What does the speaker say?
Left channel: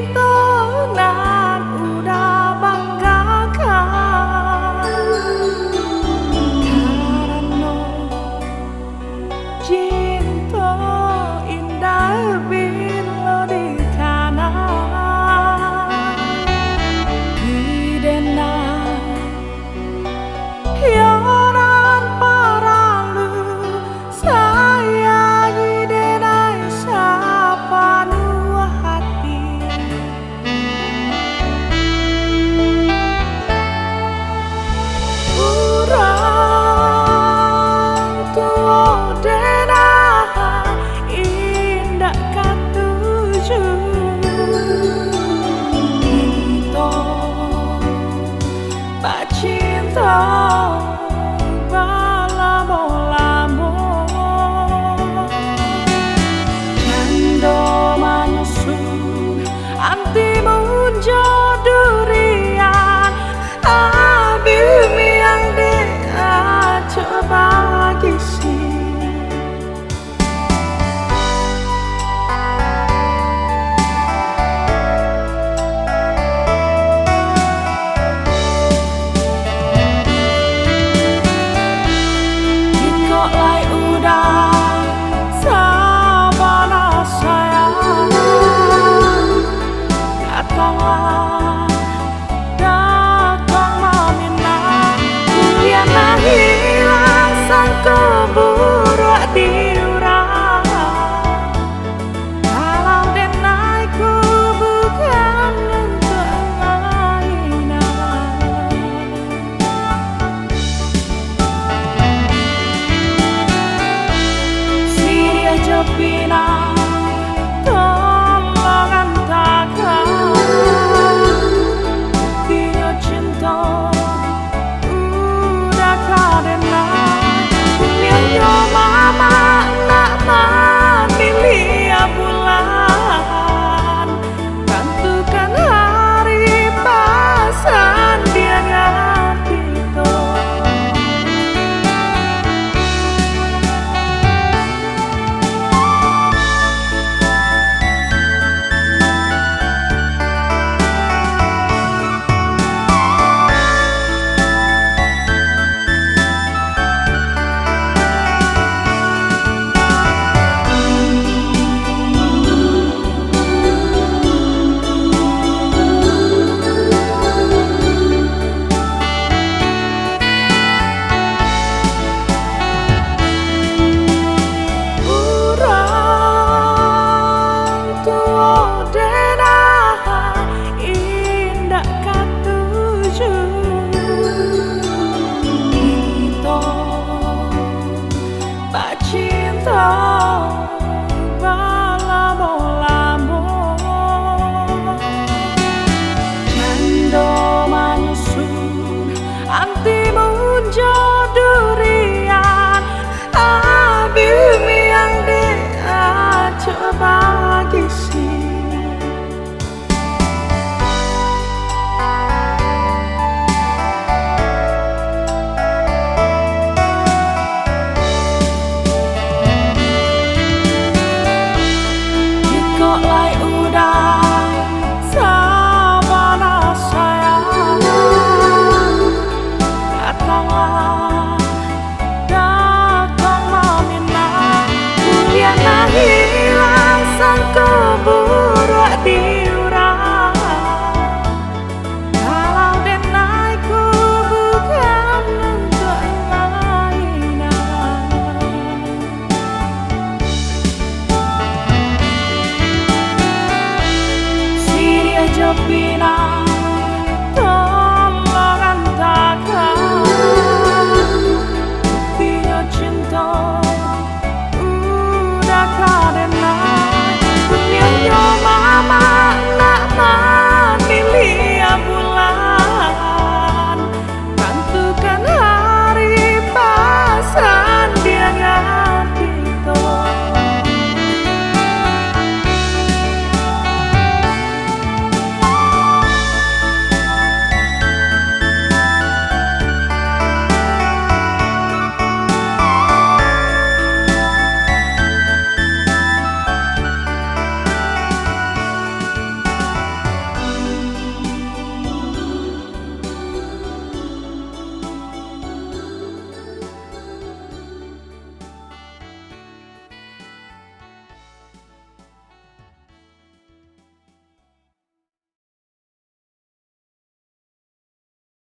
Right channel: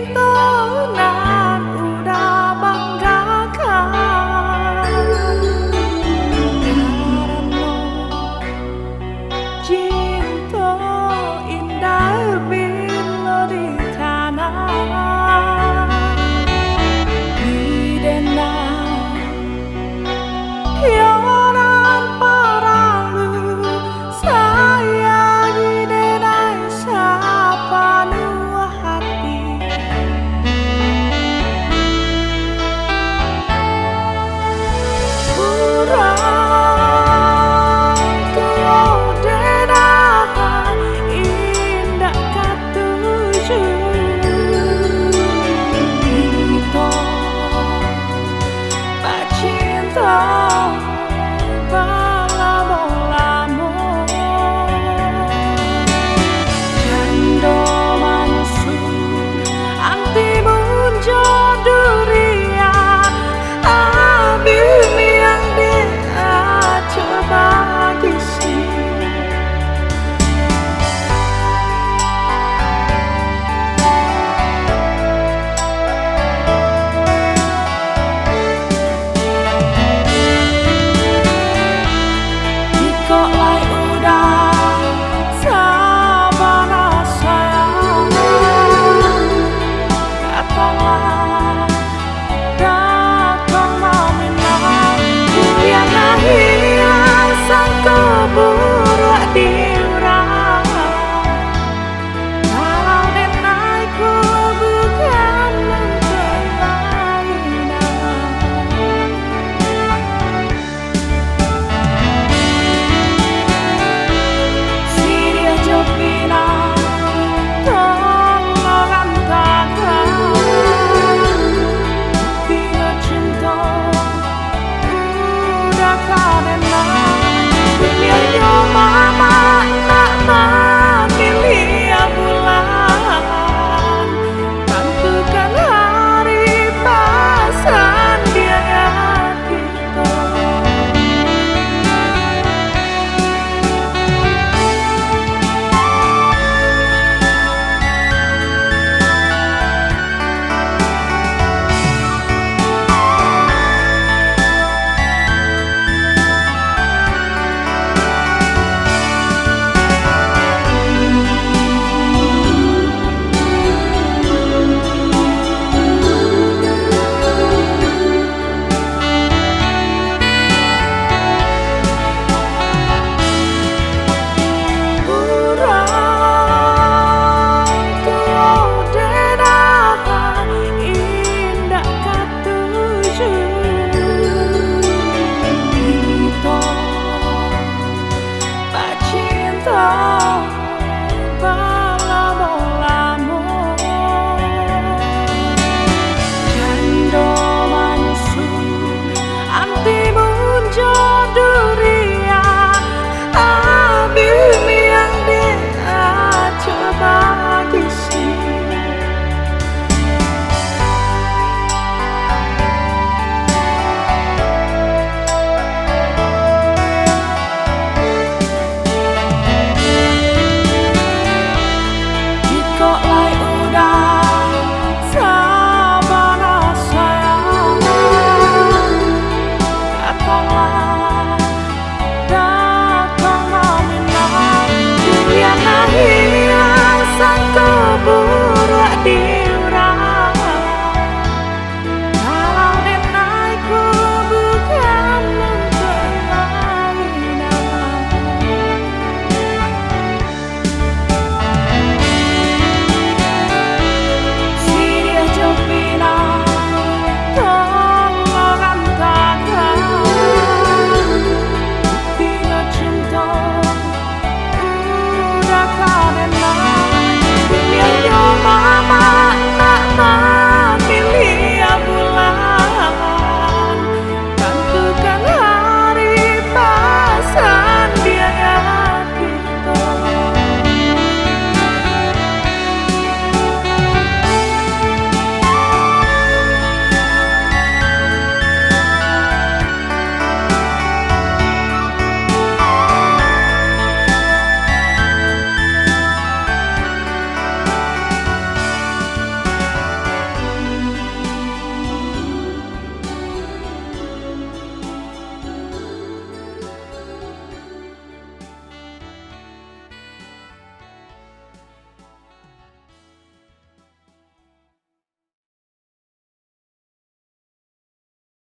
cinta nan udah banggakan, karena cinta indah bila di kanan di denang yoran paralu sayangi denai sapa nuah hati urang tua denai indah katuju kita pak cinta balamo-lamo jando manyusun antimun jodurian abimi yang dia coba gisi kok lai udah sabana sayang datanglah datang meminang kuliah hilang sang keburu diurang kalau denaiku bukan untuk lainan Siria Jopina tolong antakan buktinya cinta udah kadenai kuliahnya mama nak memilih bulan bantukan hari pasan dia ngat kita pak cinta balamo-lamo jando manyusun antimun jodurian abimi yang dia coba gisi kok lai udah sabana sayang datanglah datang meminang kuliah hilang sang keburu diurang kalau denaiku bukan untuk lainan Siria Jopina tolong antakan buktinya cinta udah kadenai kuliahnya mama nak